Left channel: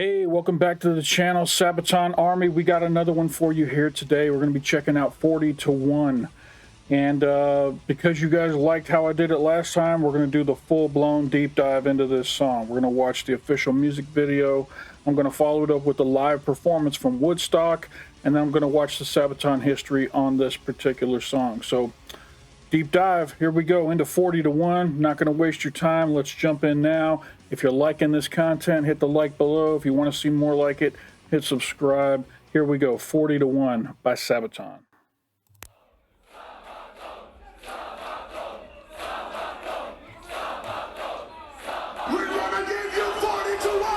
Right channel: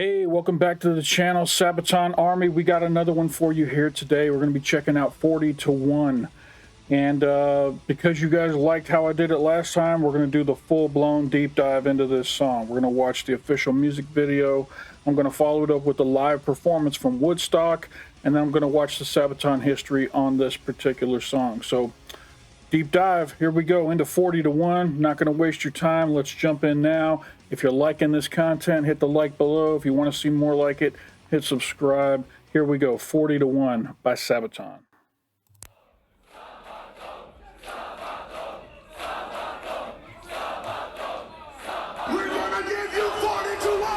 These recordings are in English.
Hey, welcome back to the channel, Sabaton Army. We got another one for you here today. We're going to be checking out 40 to 1. And because you guys liked how I did it last time, we're going to do the full-blown deep dive into this song. We're going to watch the official music video. I'm going to follow it up with the live performance from Woodstock. And then I'm going to watch the Sabaton history on this particular song. So, deep dive, here we go, into 40 to 1. Not going to waste your time. Let's jump in now. If you're liking this content, hit the like below. If you want to see more like it, hit subscribe. Here we go, 40 to 1 by Sabaton. We're gonna give you 40 to 1!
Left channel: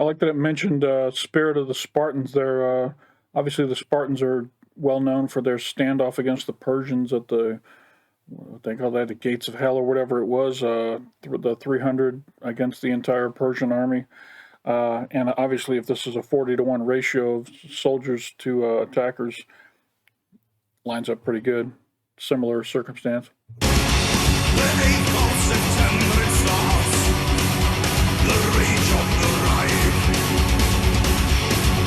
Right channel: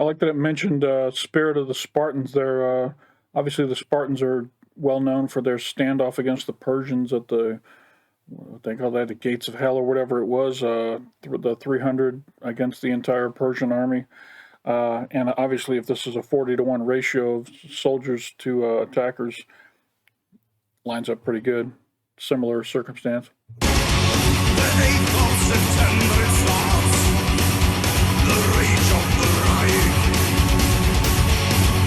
I like that it mentioned Spirit of the Spartans there. Obviously, the Spartans are well known for their standoff against the Persians at the, they call that the Gates of Hell or whatever it was, the 300 against the entire Persian army. And obviously, if this is a 40 to 1 ratio of soldiers to attackers, lines up pretty good. Similar circumstance. The 8th of September it starts, the rage of the Reich.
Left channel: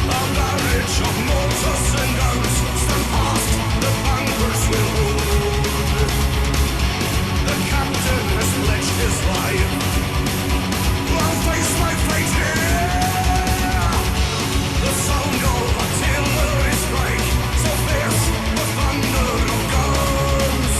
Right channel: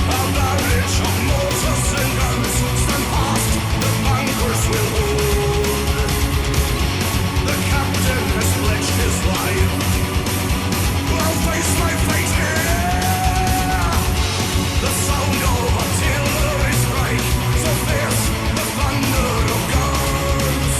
A barrage of mortars and guns stand fast, the bunkers will hold. The captain has pledged his life, I'll face my fate here. The sound of artillery strike, so fierce the thunder of guns.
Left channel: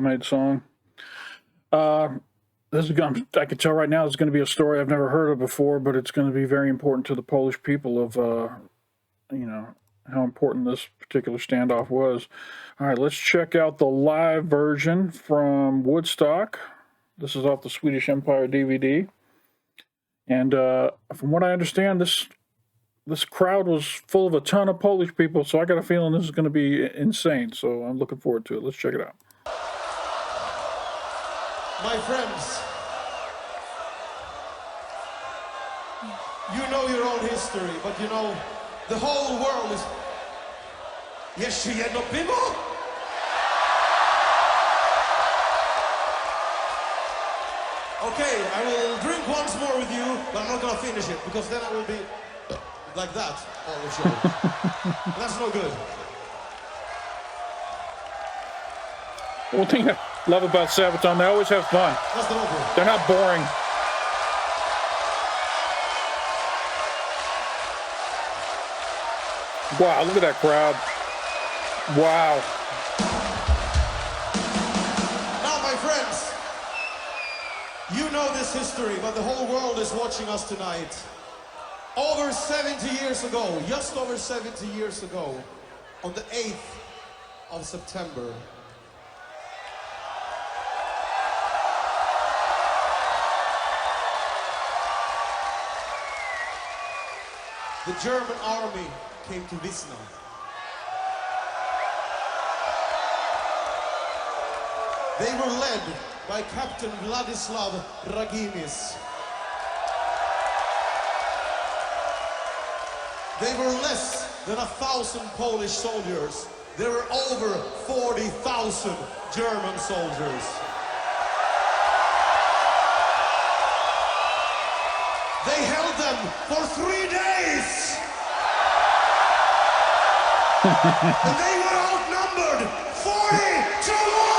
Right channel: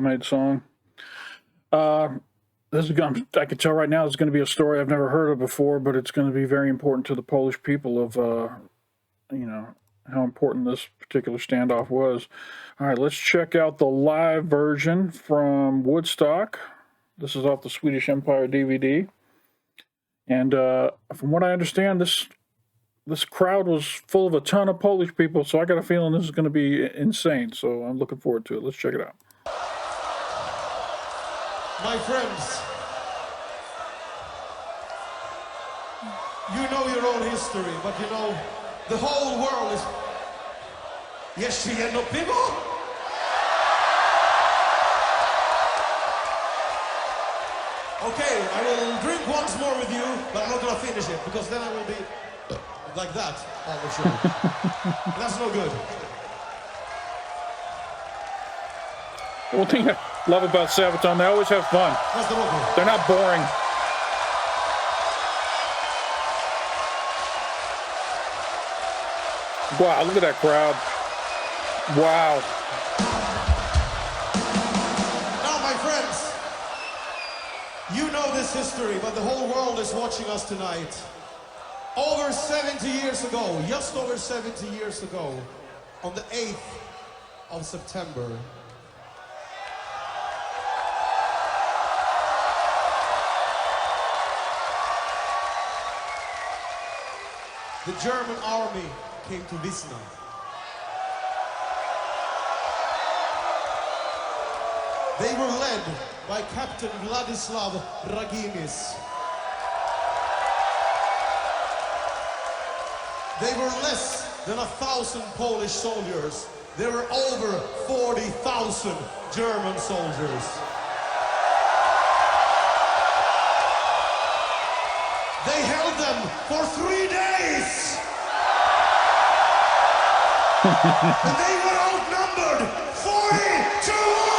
well-made song. This is I can tell right now it's going to be a story I've never heard of before, but it's going to be very important to the Polish people of, you know, how important this particular standoff was. All right, let's check out the live version from Woodstock. This is off the Swedish Empire DVD. And from what I understand, this crowd was full of a ton of Polish people, so I got a feeling this is going to be insane. So I'm looking forward to it. Let's check it out. My friends, you know your own history, but you know, the whole world is... Jeszcze jedno piwo? Okay, I will drink once more with you, but I'm not gonna finish it, because then I will be like that all the show. That's no good. One thing I love about Sabaton, they always have fun. That's the whole. They're not boring. Wow, look at that crowd. Wow. Now, my friends, you know this history, but the whole world is watching us tonight. Over 70 years ago, just over 70 years ago, on the 8th of September, the German army came to Wizna. They were led by Captain Władysław Raginis. They were less than 1,000 Polish soldiers. There were over 40,000 German soldiers. They held them for 3 days. And they were outnumbered 40 to 1.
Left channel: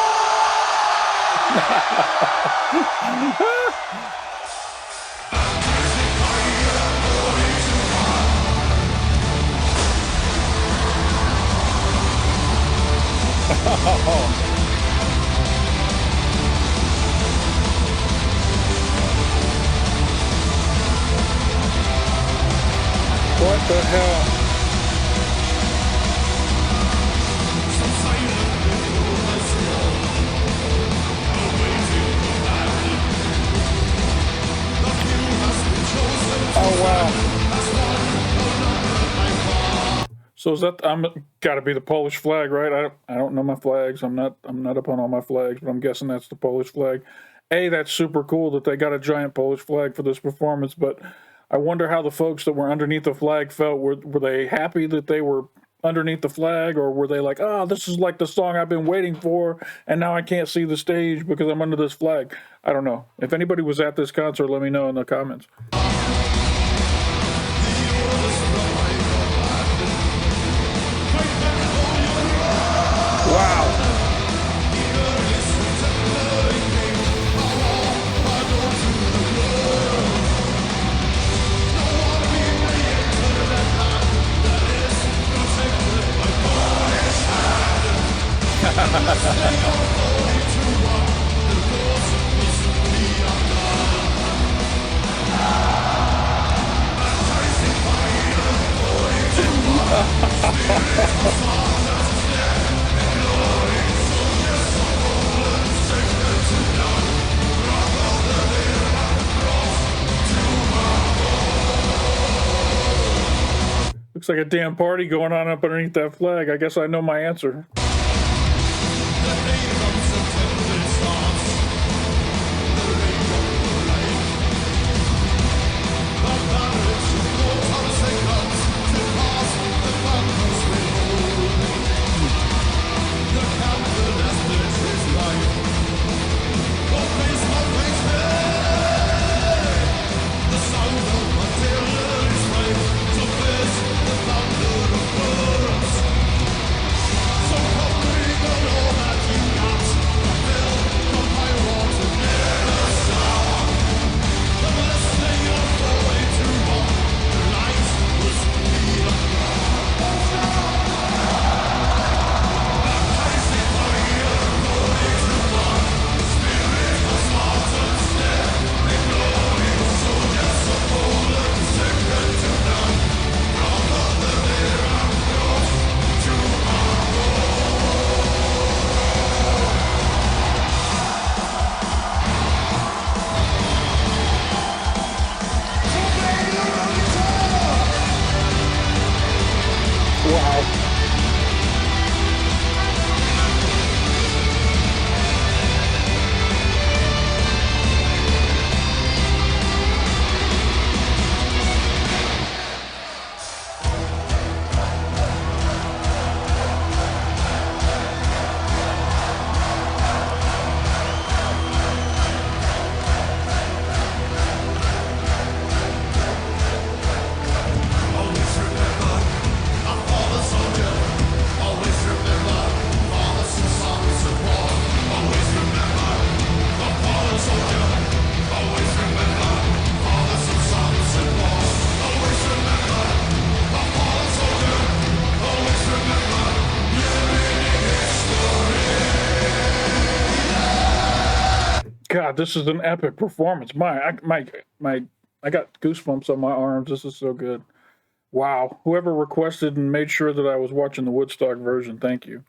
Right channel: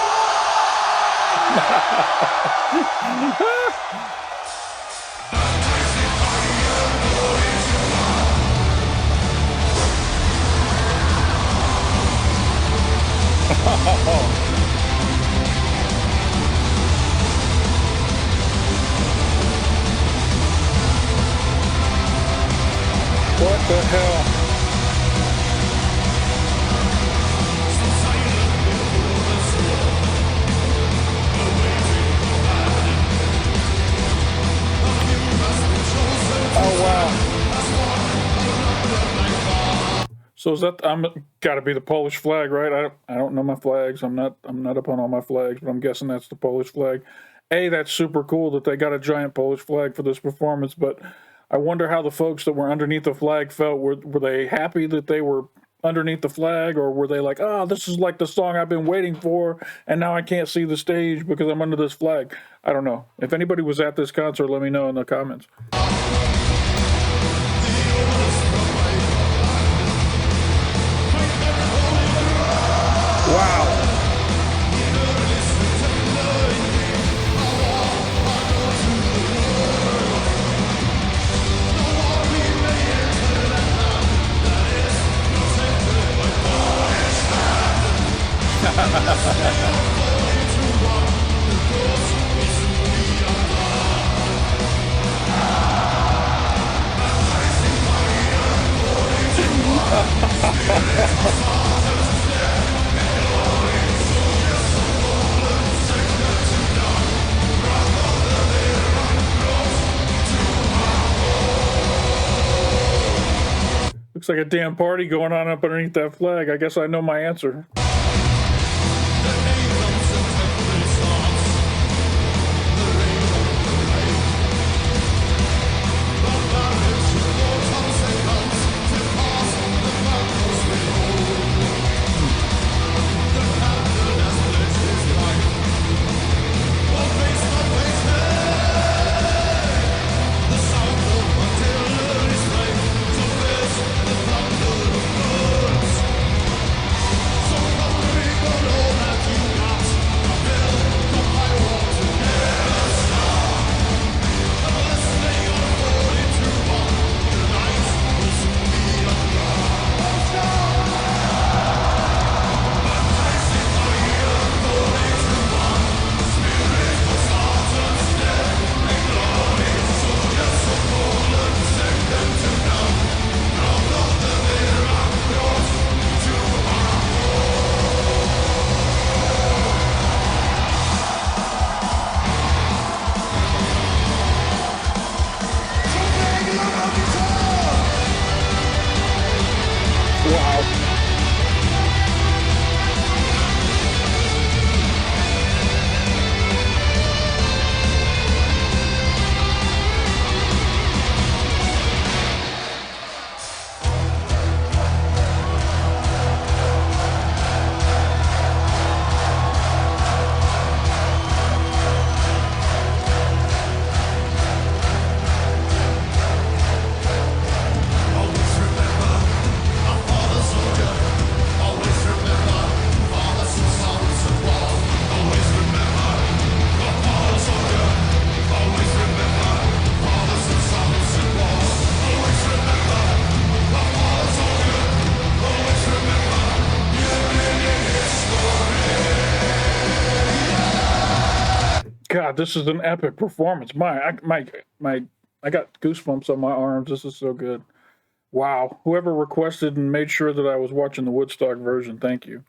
What the hell? Oh wow. So is that gotta be the Polish flag, right? I don't know my flags. I'm not up on all my flags, but I'm guessing that's the Polish flag. That's super cool that they got a giant Polish flag for this performance, but I wonder how the folks that were underneath the flag felt. Were they happy that they were underneath the flag, or were they like, oh, this is like the song I've been waiting for, and now I can't see the stage because I'm under this flag? I don't know. If anybody was at this concert, let me know in the comments. Wow. Looks like a damn party going on up underneath that flag. I guess I know my answer. So God, this is an epic performance. I got goosebumps on my arms. This is so good. Wow. Whoever requested and made sure that I was watching the Woodstock version, thank you.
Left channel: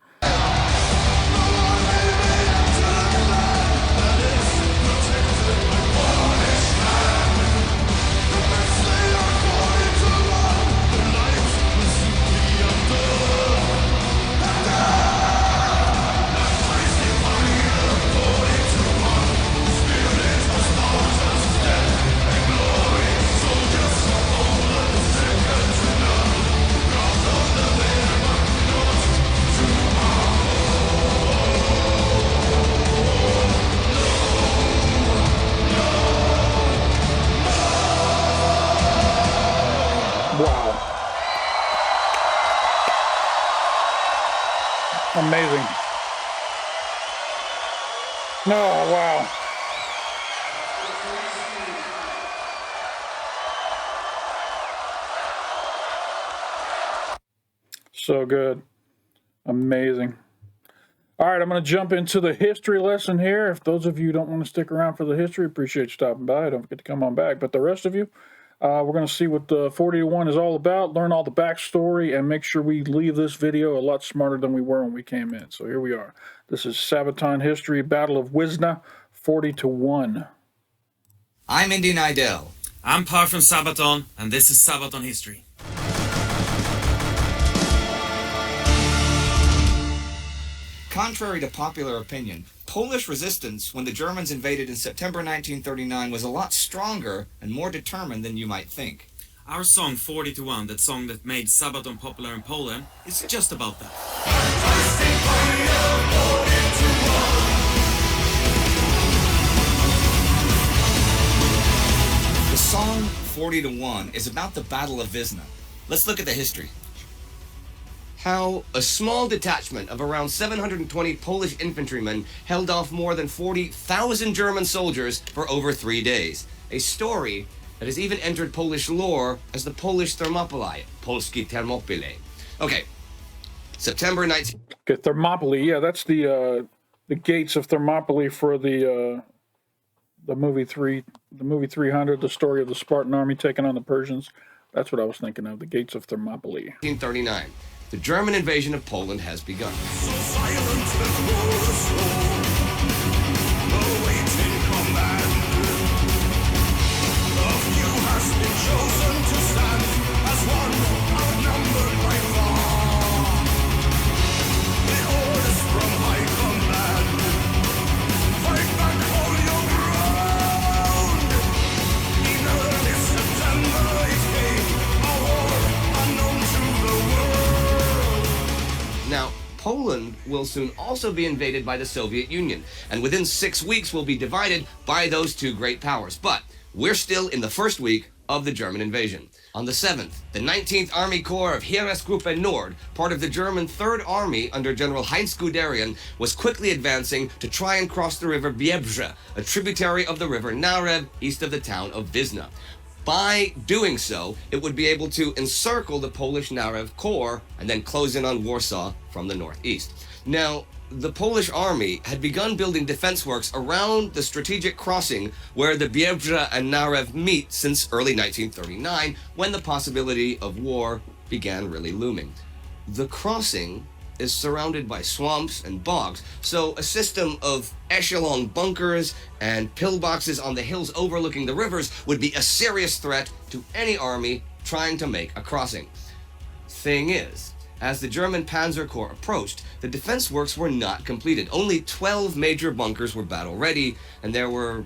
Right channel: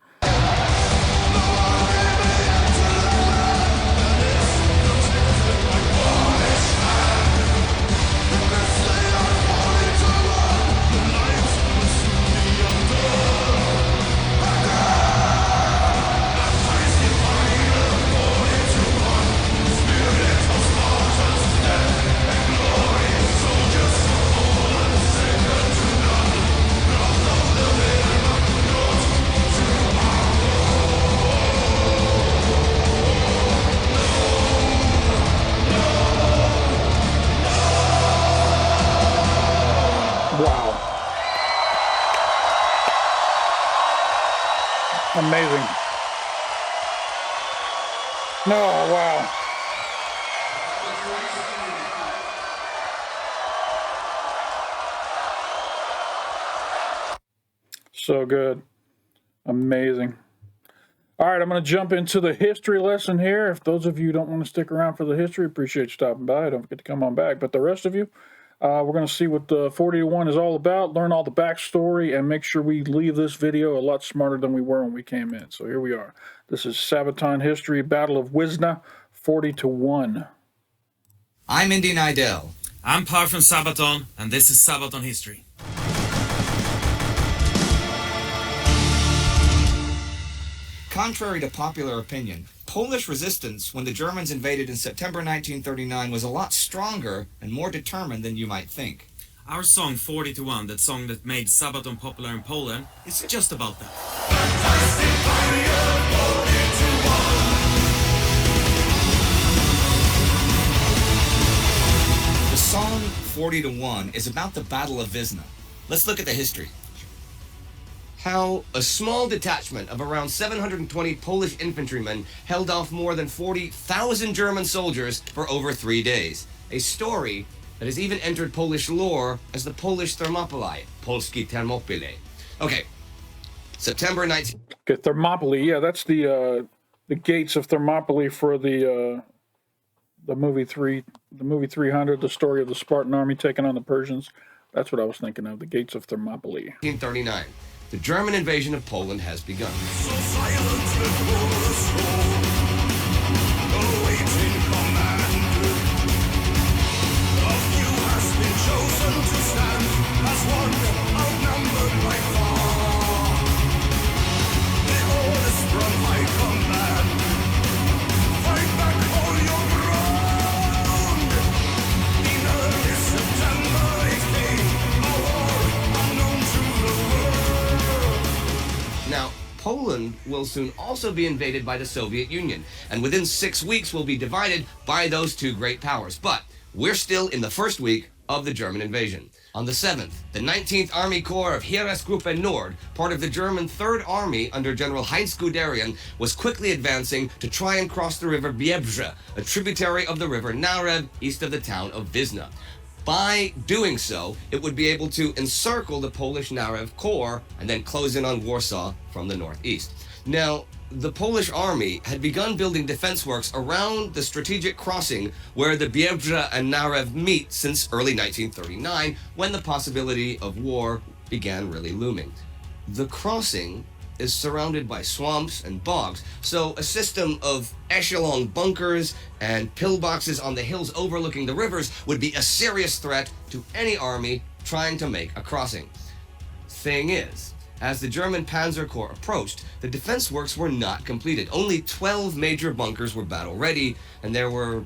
Wow. Amazing. Oh, wow. So good. Amazing. All right, I'm going to jump into the history lesson here. If those of you don't want to stick around for the history, appreciate you stopping by. Don't forget to come on back. But the rest of you, we're going to see what the 40 to 1 is all about, learn all the backstory, and make sure we leave this video a lot smarter than we were when we came in. So here we are. This is Sabaton history, Battle of Wizna, 40 to 1. I'm Indy Nidell. I'm Par from Sabaton, and this is Sabaton history. Contrary to popular opinion, Polish resistance when the Germans invaded in September 1939 was a lot stronger and more determined than you might think. Our song 40 to 1, that song that made Sabaton popular in Poland, is just about that. The song 40 to 1 is about the Battle of Wizna. Let's look at the history. How a small detachment of around 720 Polish infantrymen held off more than 40,000 German soldiers for over 3 days. A story that has even entered Polish lore as the Polish Thermopylae, Polskie Thermopylae. Okay, September 19... Okay, Thermopylae, yeah, that's the gates of Thermopylae for the movie 300, the story of the Spartan army taking on the Persians. That's what I was thinking of, the gates of Thermopylae. 1939. The German invasion of Poland has begun. So silent before the storm, awaiting command. A few has been chosen to stand as one outnumbered by far. The orders from high command. Fight back, hold your ground. In early September it came, a war unknown to the world. Now, Poland will soon also be invaded by the Soviet Union, and within 6 weeks will be divided by those two great powers. But we're still in the first week of the German invasion. On the 7th, the 19th Army Corps of Heeresgruppe Nord, part of the German 3rd Army under General Heinz Guderian, was quickly advancing to try and cross the river Biebrze, a tributary of the river Narew, east of the town of Wizna. By doing so, it would be able to encircle the Polish Narew Corps and then close in on Warsaw from the northeast. Now, the Polish army had begun building defense works around the strategic crossing where the Biebrze and Narew meet since early 1939, when the possibility of war began really looming. The crossing is surrounded by swamps and bogs, so a system of echelon bunkers and pillboxes on the hills overlooking the rivers would be a serious threat to any army trying to make a crossing. Thing is, as the German Panzer Corps approached, the defense works were not completed. Only 12 major bunkers were battle ready, and there were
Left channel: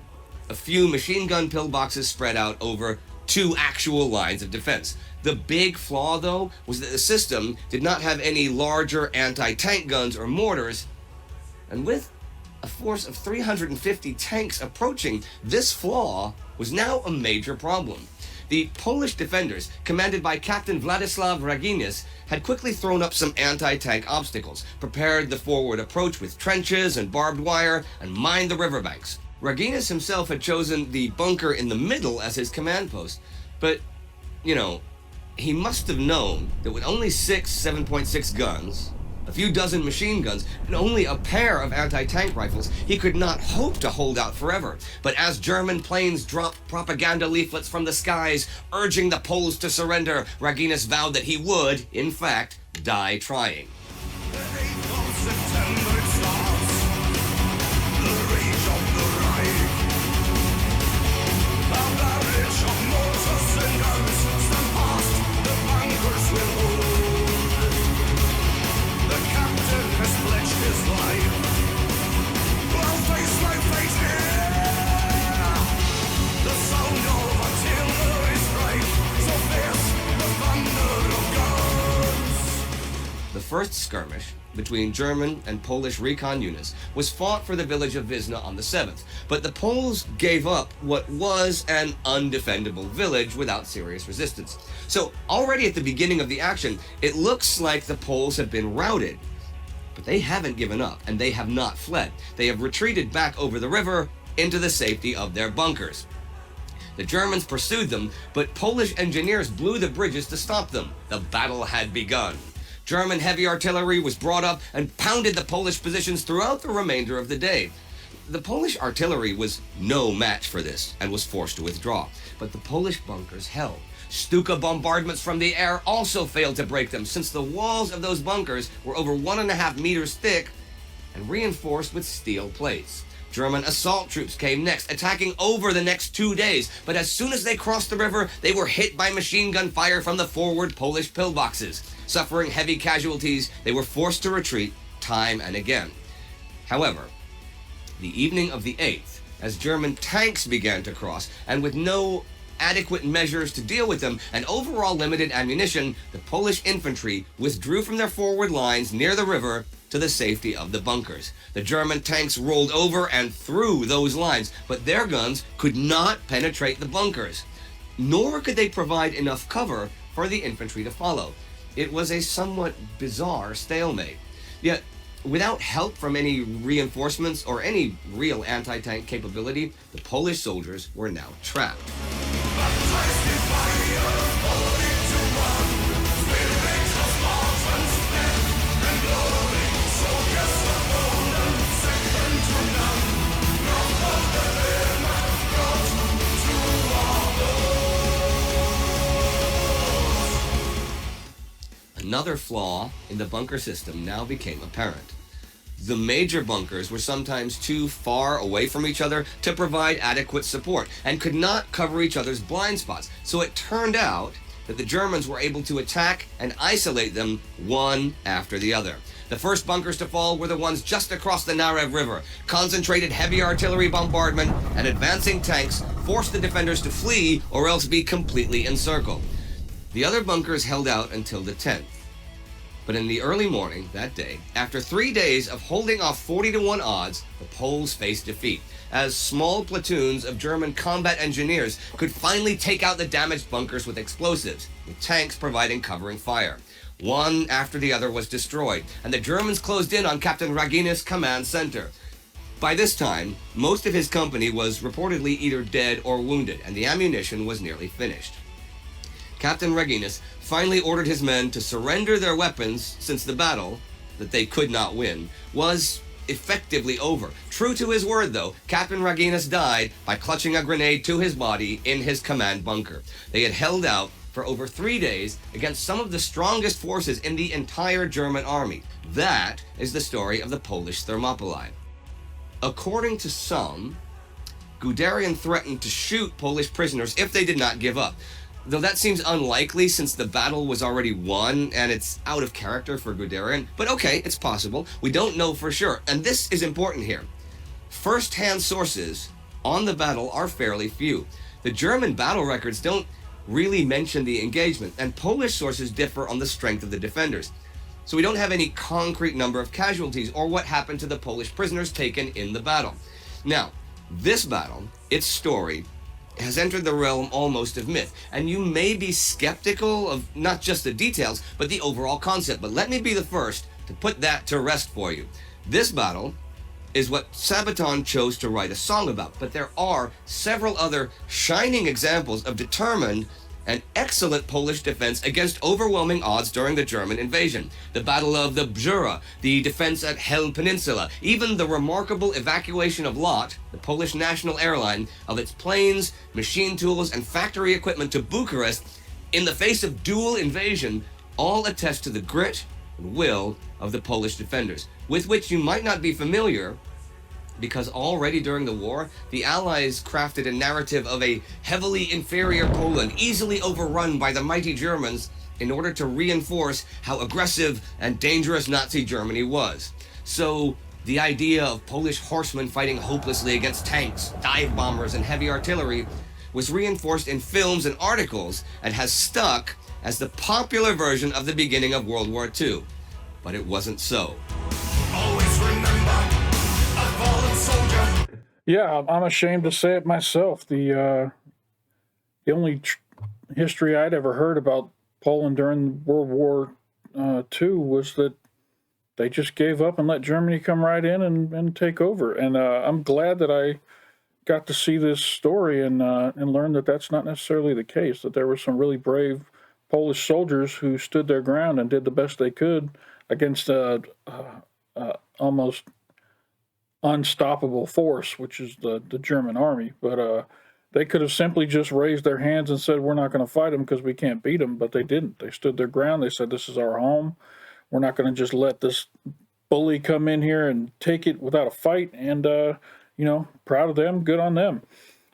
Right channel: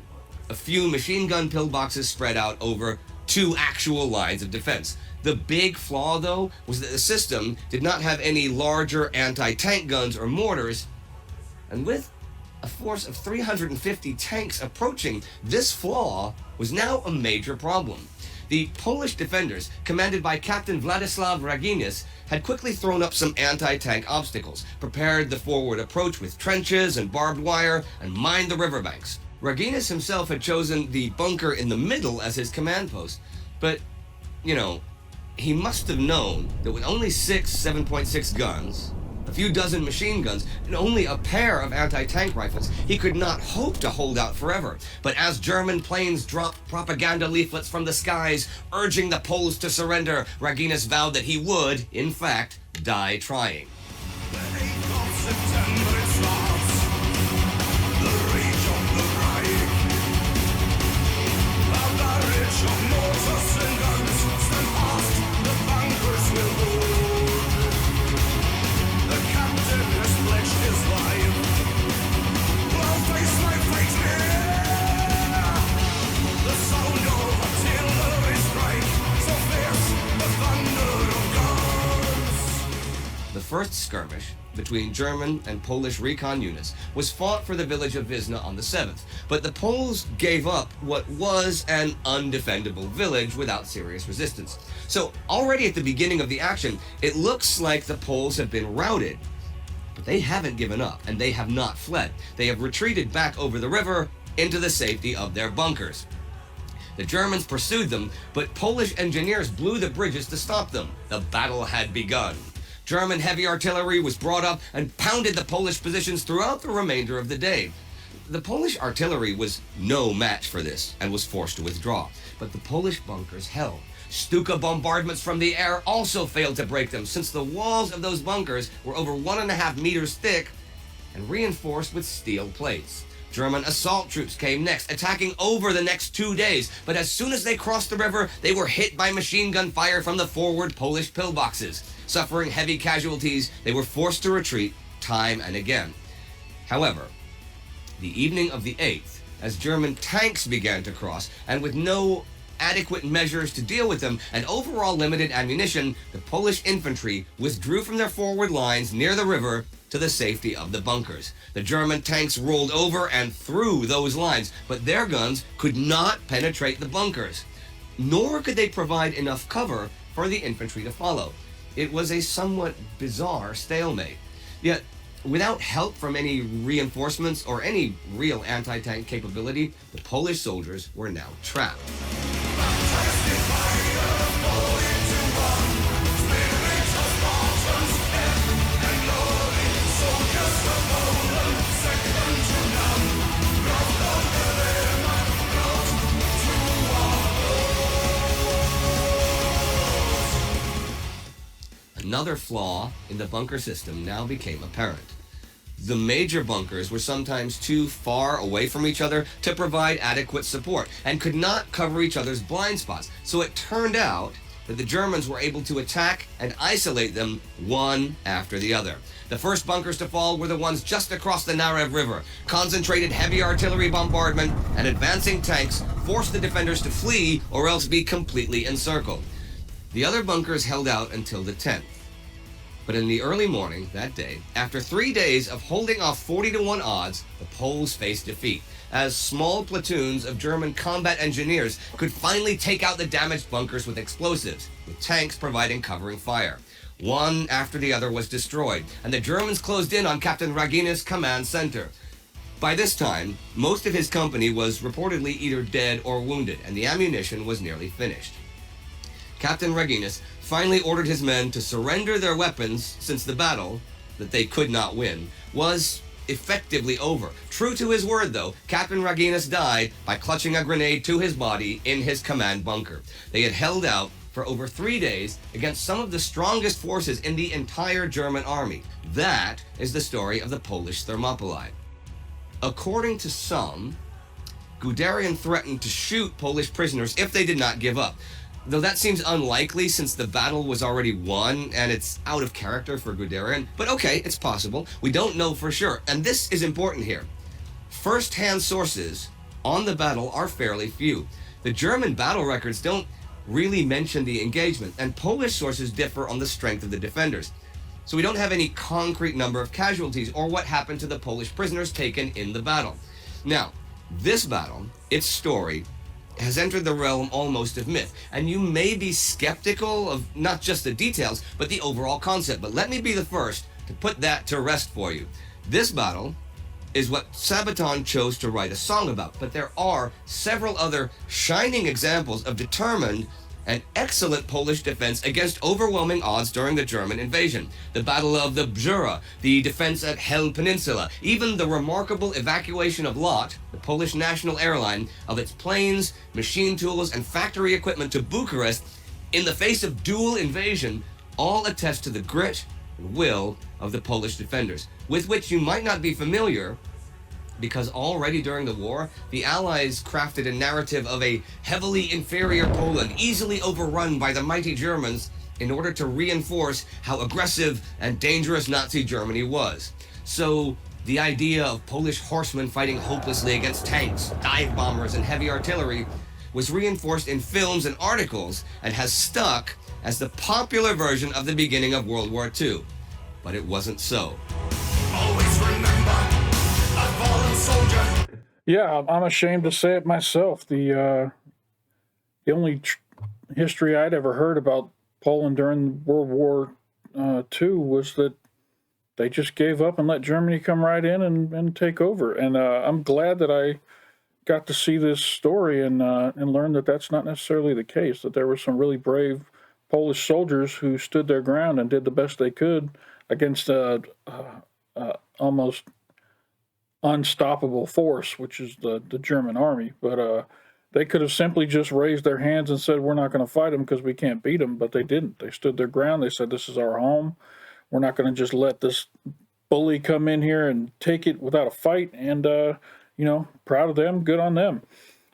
a few machine gun pillboxes spread out over 2 actual lines of defense. The big flaw, though, was that the system did not have any larger anti-tank guns or mortars, and with a force of 350 tanks approaching, this flaw was now a major problem. The Polish defenders, commanded by Captain Władysław Raginis, had quickly thrown up some anti-tank obstacles, prepared the forward approach with trenches and barbed wire, and mined the riverbanks. Raginis himself had chosen the bunker in the middle as his command post, but, you know, he must have known that with only 6 7.6 guns a few dozen machine guns, and only a pair of anti-tank rifles, he could not hope to hold out forever. But as German planes dropped propaganda leaflets from the skies urging the Poles to surrender, Raginis vowed that he would, in fact, die trying. The 8th of September it starts, the rage of the Reich. A barrage of mortars and guns stand fast, the bunkers will hold. The captain has pledged his life, I'll face my fate here. The sound of artillery strike, so fierce the thunder of guns. The first skirmish between German and Polish recon units was fought for the village of Wizna on the 7th, but the Poles gave up what was an undefendable village without serious resistance. So already at the beginning of the action, it looks like the Poles have been routed. But they haven't given up, and they have not fled. They have retreated back over the river into the safety of their bunkers. The Germans pursued them, but Polish engineers blew the bridges to stop them. The battle had begun. German heavy artillery was brought up and pounded the Polish positions throughout the remainder of the day. The Polish artillery was no match for this and was forced to withdraw, but the Polish bunkers held. Stuka bombardments from the air also failed to break them, since the walls of those bunkers were over 1.5 meters thick and reinforced with steel plates. German assault troops came next, attacking over the next 2 days, but as soon as they crossed the river, they were hit by machine gun fire from the forward Polish pillboxes. Suffering heavy casualties, they were forced to retreat time and again. However, the evening of the 8th, as German tanks began to cross, and with no adequate measures to deal with them and overall limited ammunition, the Polish infantry withdrew from their forward lines near the river to the safety of the bunkers. The German tanks rolled over and through those lines, but their guns could not penetrate the bunkers, nor could they provide enough cover for the infantry to follow. It was a somewhat bizarre stalemate. Yet, without help from any reinforcements or any real anti-tank capability, the Polish soldiers were now trapped. Baptised in fire, falling to one, spirits of Spartans, death and glory, soldiers of Poland, second to none, brought under their might, brought to our bones. Another flaw in the bunker system now became apparent. The major bunkers were sometimes too far away from each other to provide adequate support and could not cover each other's blind spots. So it turned out that the Germans were able to attack and isolate them one after the other. The first bunkers to fall were the ones just across the Narev River. Concentrated heavy artillery bombardment and advancing tanks forced the defenders to flee or else be completely encircled. The other bunkers held out until the 10th. But in the early morning that day, after 3 days of holding off 40-to-1 odds, the Poles faced defeat, as small platoons of German combat engineers could finally take out the damaged bunkers with explosives, with tanks providing covering fire. One after the other was destroyed, and the Germans closed in on Captain Raginis' command center. By this time, most of his company was reportedly either dead or wounded, and the ammunition was nearly finished. Captain Raginis finally ordered his men to surrender their weapons, since the battle, that they could not win, was effectively over. True to his word, though, Captain Raginis died by clutching a grenade to his body in his command bunker. They had held out for over 3 days against some of the strongest forces in the entire German army. That is the story of the Polish Thermopylae. According to some, Guderian threatened to shoot Polish prisoners if they did not give up. Though that seems unlikely since the battle was already won and it's out of character for Guderian. But okay, it's possible. We don't know for sure. And this is important here. First-hand sources on the battle are fairly few. The German battle records don't really mention the engagement, and Polish sources differ on the strength of the defenders. So we don't have any concrete number of casualties or what happened to the Polish prisoners taken in the battle. Now, this battle, its story, has entered the realm almost of myth, and you may be skeptical of not just the details, but the overall concept. But let me be the first to put that to rest for you. This battle is what Sabaton chose to write a song about, but there are several other shining examples of determined an excellent Polish defense against overwhelming odds during the German invasion. The Battle of the Bzura, the defense at Hel Peninsula, even the remarkable evacuation of LOT, the Polish national airline, of its planes, machine tools, and factory equipment to Bucharest in the face of dual invasion, all attest to the grit and will of the Polish defenders, with which you might not be familiar, because already during the war, the Allies crafted a narrative of a heavily inferior Poland, easily overrun by the mighty Germans, in order to reinforce how aggressive and dangerous Nazi Germany was. So, the idea of Polish horsemen fighting hopelessly against tanks, dive bombers, and heavy artillery was reinforced in films and articles, and has stuck as the popular version of the beginning of World War II. But it wasn't so. Always remember a fallen soldier. Yeah, I'm ashamed to say it myself. The only history I'd ever heard about Poland during World War II was that they just gave up and let Germany come right in and take over. And I'm glad that I got to see this story and learn that that's not necessarily the case, that there were some really brave Polish soldiers who stood their ground and did the best they could against almost unstoppable force, which is the German army. But they could have simply just raised their hands and said, we're not going to fight them because we can't beat them, but they didn't. They stood their ground. They said, this is our home. We're not going to just let this bully come in here and take it without a fight. And, proud of them, good on them.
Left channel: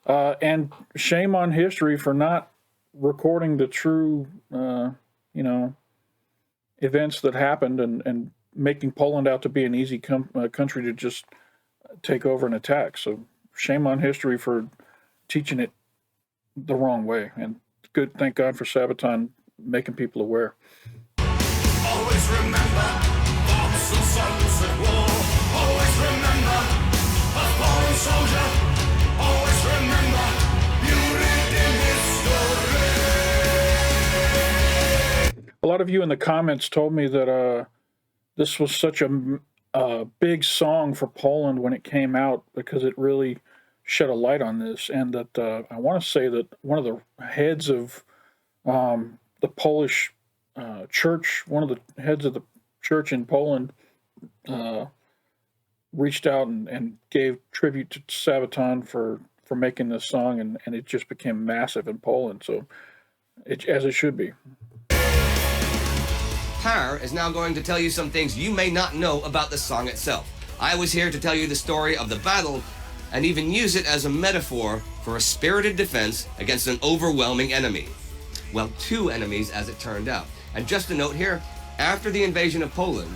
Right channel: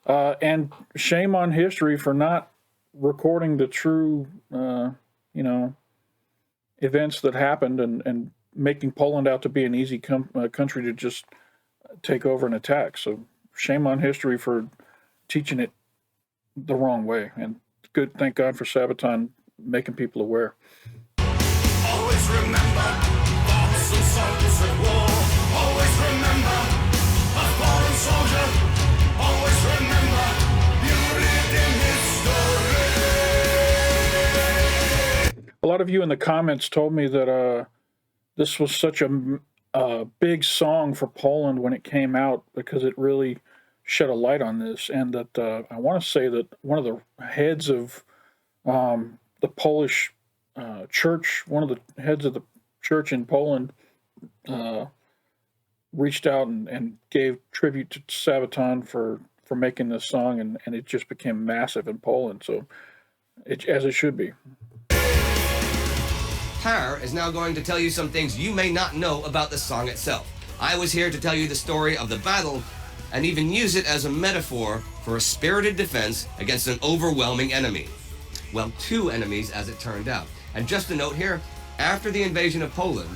And shame on history for not recording the true, events that happened and making Poland out to be an easy country to just take over and attack. So shame on history for teaching it the wrong way. And good, thank God for Sabaton making people aware. Always remember thoughts and sons at war. Always remember a fallen soldier. Always remember you lived in history. A lot of you in the comments told me that this was such a big song for Poland when it came out because it really shed a light on this, and that I want to say that one of the heads of the Polish church, one of the heads of the church in Poland, reached out and gave tribute to Sabaton for making this song, and it just became massive in Poland. So, as it should be. Per is now going to tell you some things you may not know about the song itself. I was here to tell you the story of the battle and even use it as a metaphor for a spirited defense against an overwhelming enemy. Well, two enemies as it turned out. And just a note here, after the invasion of Poland,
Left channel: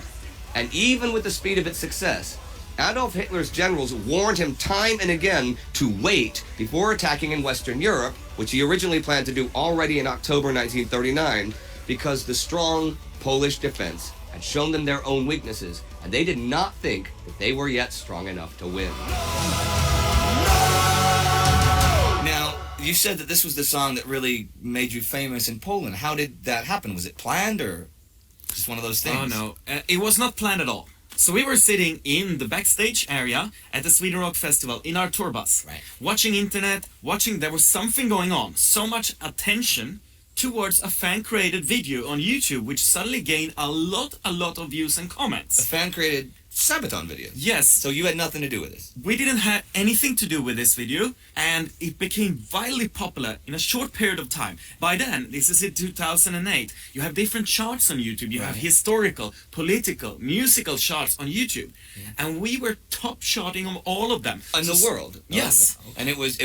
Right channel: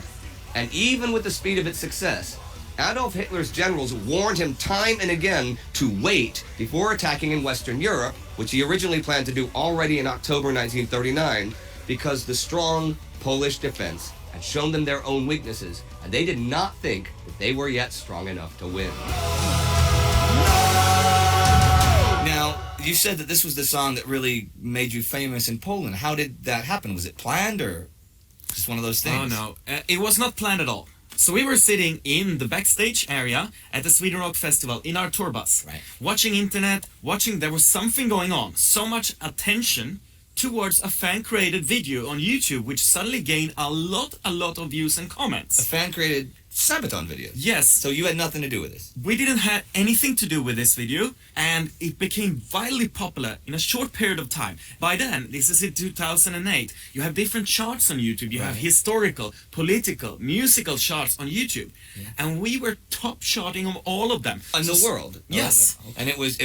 and even with the speed of its success, Adolf Hitler's generals warned him time and again to wait before attacking in Western Europe, which he originally planned to do already in October 1939, because the strong Polish defense had shown them their own weaknesses, and they did not think that they were yet strong enough to win. Now, you said that this was the song that really made you famous in Poland. How did that happen? Was it planned or just one of those things? Oh, no. It was not planned at all. So we were sitting in the backstage area at the Sweden Rock Festival in our tour bus, Right. watching internet, there was something going on, so much attention towards a fan-created video on YouTube, which suddenly gained a lot of views and A comments. fan-created Sabaton video. Yes, So you had nothing to do with this. we didn't have anything to do with this video, and it became wildly popular in a short period of time. By then, this is in 2008, you have different charts on YouTube. You have Right. historical, political, musical charts on YouTube. And we were top charting on all of them. In the world. Yes. And it was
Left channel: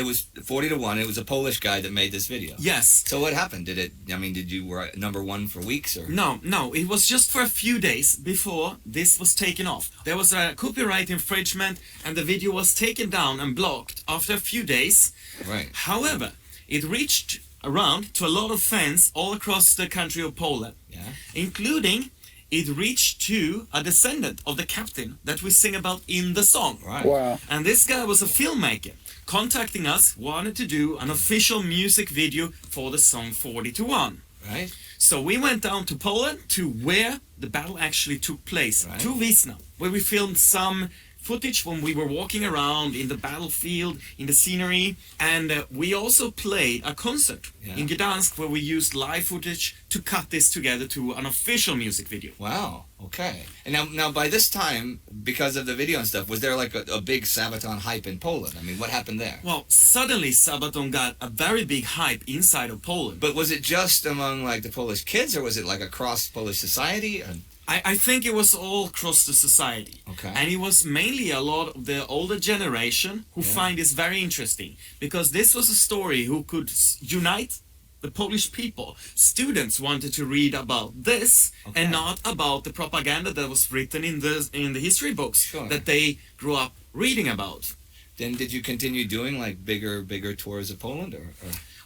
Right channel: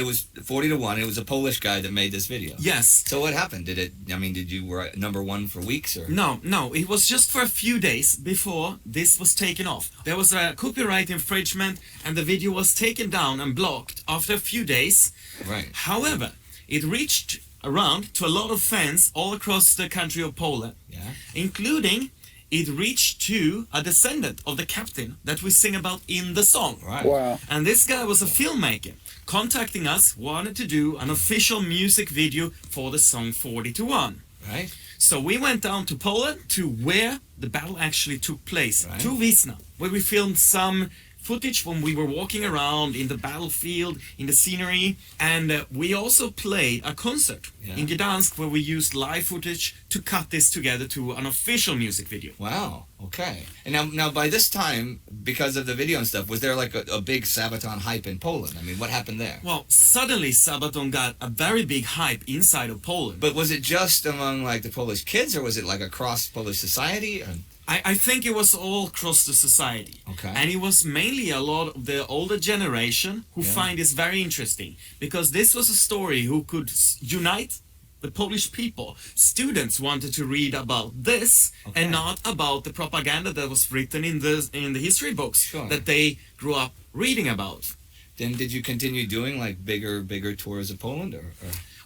40-1. It was a Polish guy that made this video. Yes. So what happened? Did you were number one for weeks or? No, it was just for a few days before this was taken off. There was a copyright infringement and the video was taken down and blocked after a few days. Right. However, it reached around to a lot of fans all across the country of Poland, Yeah. including it reached to a descendant of the captain that we sing about in the song. Right. Wow. And this guy was a filmmaker, contacting us, wanted to do an official music video for the song 40-1. Right. So we went down to Poland to where the battle actually took place, Right. to Wizna, where we filmed some footage when we were walking around in the battlefield, in the scenery, and we also played a concert in Gdansk where we used live footage to cut this together to an official music video. Wow. Okay. And now by this time, because of the video and stuff, was there like a big Sabaton hype in Poland? I mean, what happened there? Well, suddenly Sabaton got a very big hype inside of Poland. But was it just among like the Polish kids, or was it like across Polish society? Or... I think it was all across the society. Okay. And it was mainly a lot of the older generation who find this very interesting. Because this was a story who could unite the Polish people. Students wanted to read about this and not about the propaganda that was written in the history books that they grew up reading about. Then did you continue doing like bigger tours of Poland, or?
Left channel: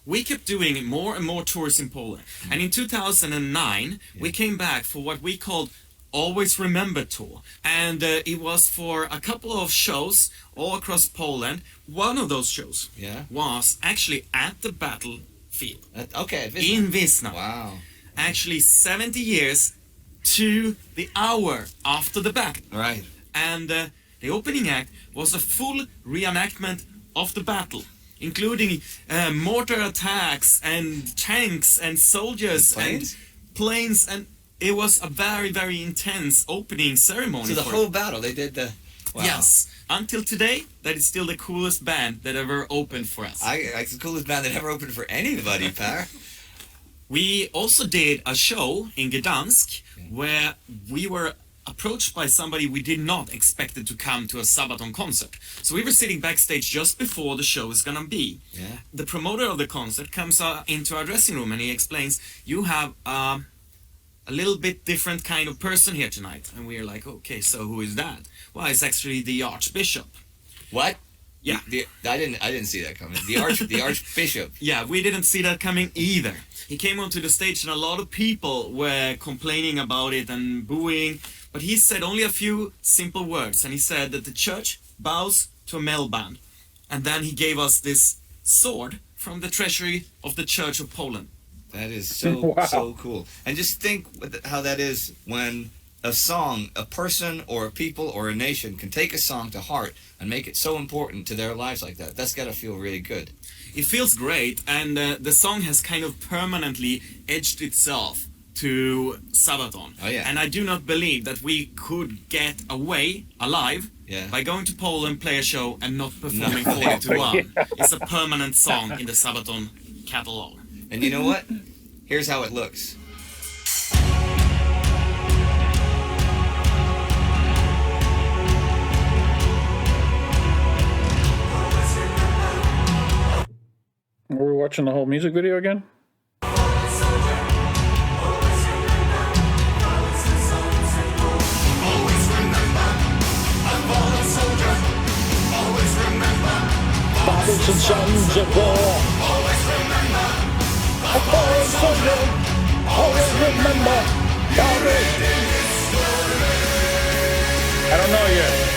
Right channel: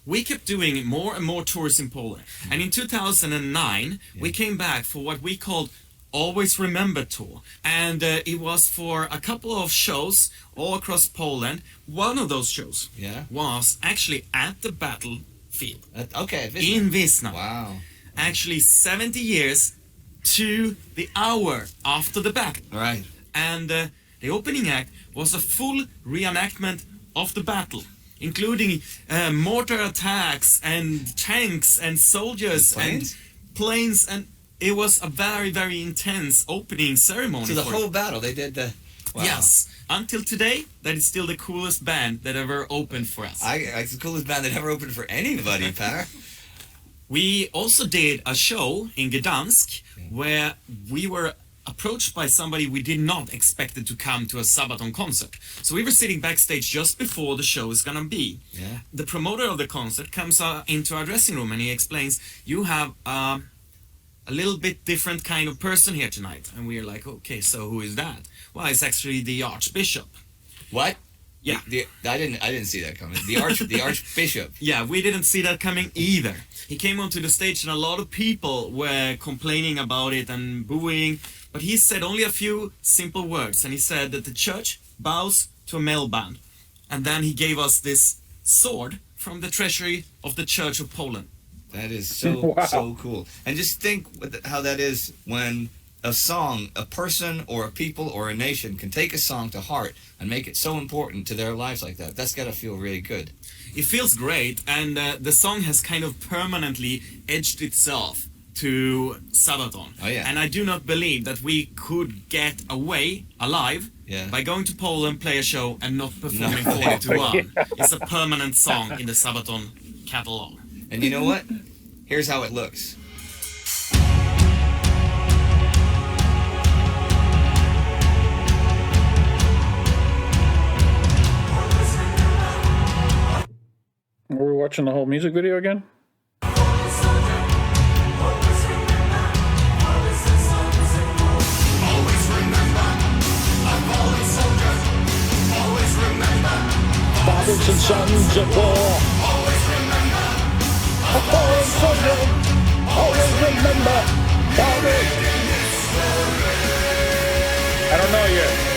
We kept doing more and more tours in Poland. And in 2009, we came back for what we called Always Remember Tour. And it was for a couple of shows all across Poland. One of those shows was actually at the battlefield. At Wizna. In Wizna. Wow. Actually 70 years to the hour after the battle. Right. And the opening act was a full reenactment of the battle, including mortar attacks and tanks and soldiers and planes, and it was a very, very intense opening ceremony. So the whole battle, they did the... Wow. Yes. Until today, that is still the coolest band that ever opened for us. It's the coolest band that ever opened for anybody, Per. We also did a show in Gdansk where we were approached by somebody we did not expect to come to a Sabaton concert. So we were sitting backstage just before the show is gonna be. The promoter of the concert comes into our dressing room and he explains, you have a little bit different kind of person here tonight. And we're like, okay, so who is that? Well, it's actually the Archbishop. What? Yeah. I didn't see that coming. The Archbishop. Yeah, we didn't see that coming either. He came onto the stage and a lot of people were complaining about it and booing, but he said only a few simple words, and he said that the church bows to a male band. And then he gave us this sword from the treasury of the Church of Poland. That is so cool. And just think how that is when a song, a person or a people or a nation can take a song to heart and make it so important to their lives like that. That's got to feel really good. It feels great, and the song has kind of permanently edged itself to Sabaton. Oh, yeah. And I do not believe that we could get away alive by going to Poland, play a show, and not performing 40 to 1. It's a permanent song in the Sabaton catalog. And you know what? Here's how it looks. Are we watching the whole music video again? Fathers and sons of war. A fallen soldier. Always remember. Fathers. I don't know yet.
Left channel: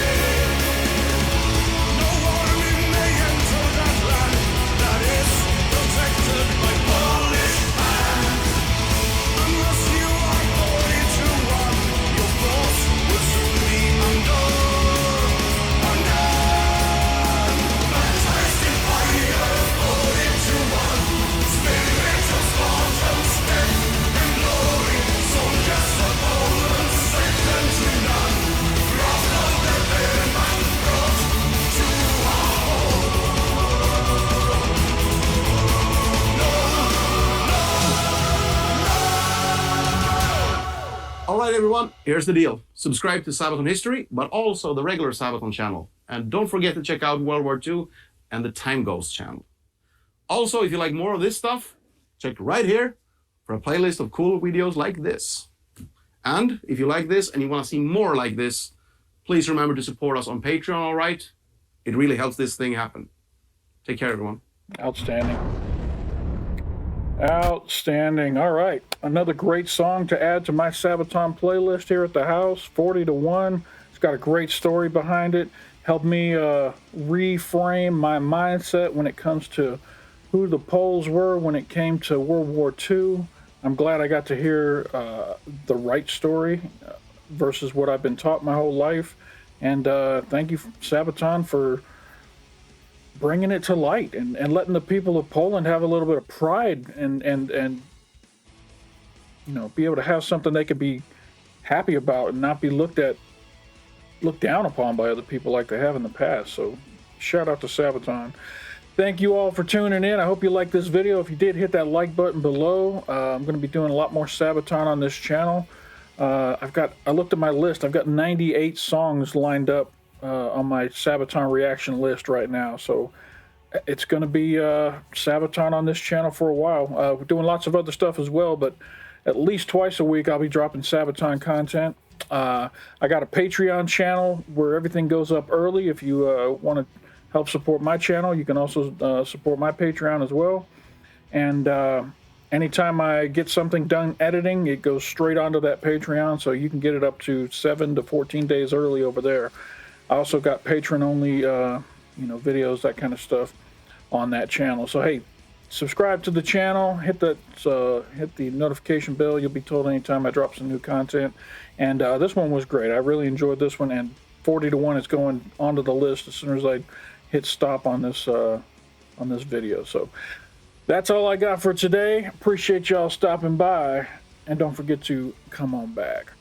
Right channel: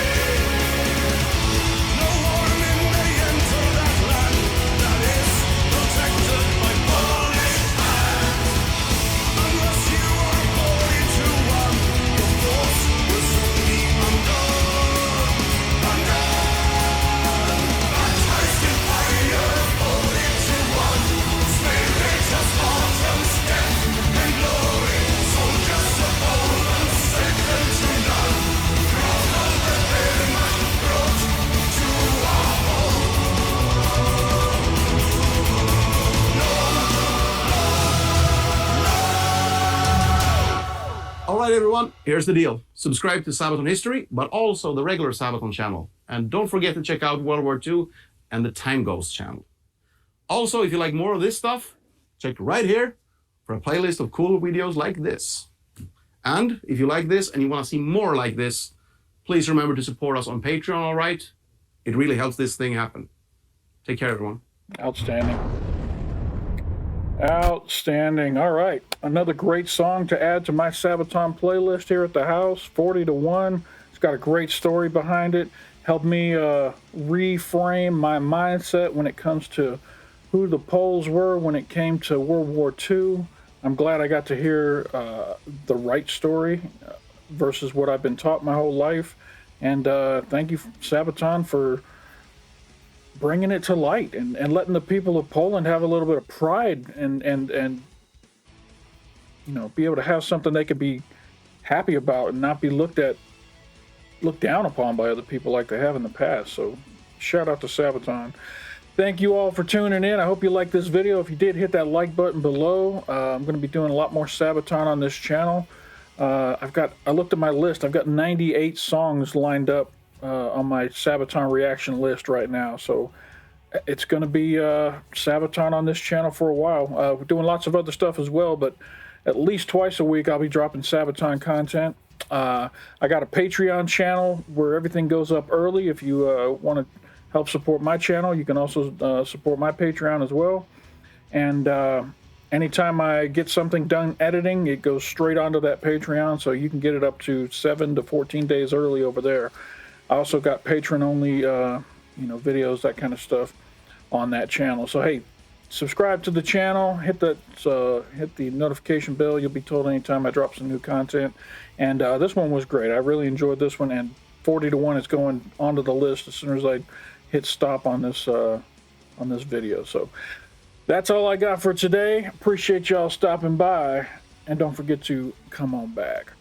Alright everyone, here's the deal. Subscribe to Sabaton History, but also the regular Sabaton channel. And don't forget to check out World War II and the Time Ghost channel. Also, if you like more of this stuff, check right here for a playlist of cool videos like this. And if you like this and you want to see more like this, please remember to support us on Patreon, alright? It really helps this thing happen. Take care, everyone. Outstanding. Outstanding. All right. Another great song to add to my Sabaton playlist here at the house, 40 to 1. It's got a great story behind it. Helped me reframe my mindset when it comes to who the Poles were when it came to World War II. I'm glad I got to hear the right story versus what I've been taught my whole life. And thank you, Sabaton, for bringing it to light and letting the people of Poland have a little bit of pride and you know, be able to have something they could be happy about and not be looked down upon by other people like they have in the past. So shout out to Sabaton. Thank you all for tuning in. I hope you liked this video. If you did, hit that like button below. I'm going to be doing a lot more Sabaton on this channel. I looked at my list. I've got 98 songs lined up on my Sabaton reaction list right now. So it's going to be Sabaton on this channel for a while. We're doing lots of other stuff as well, but at least twice a week I'll be dropping Sabaton content. I got a Patreon channel where everything goes up early. If you want to help support my channel, you can also support my Patreon as well. And anytime I get something done editing, it goes straight onto that Patreon, so you can get it up to 7 to 14 days early over there. I also got patron-only, you know, videos, that kind of stuff on that channel. So hey, subscribe to the channel, hit the notification bell. You'll be told anytime I drop some new content. And this one was great. I really enjoyed this one. And 40 to 1 is going onto the list as soon as I hit stop on this video. So that's all I got for today. Appreciate y'all stopping by, and don't forget to come on back.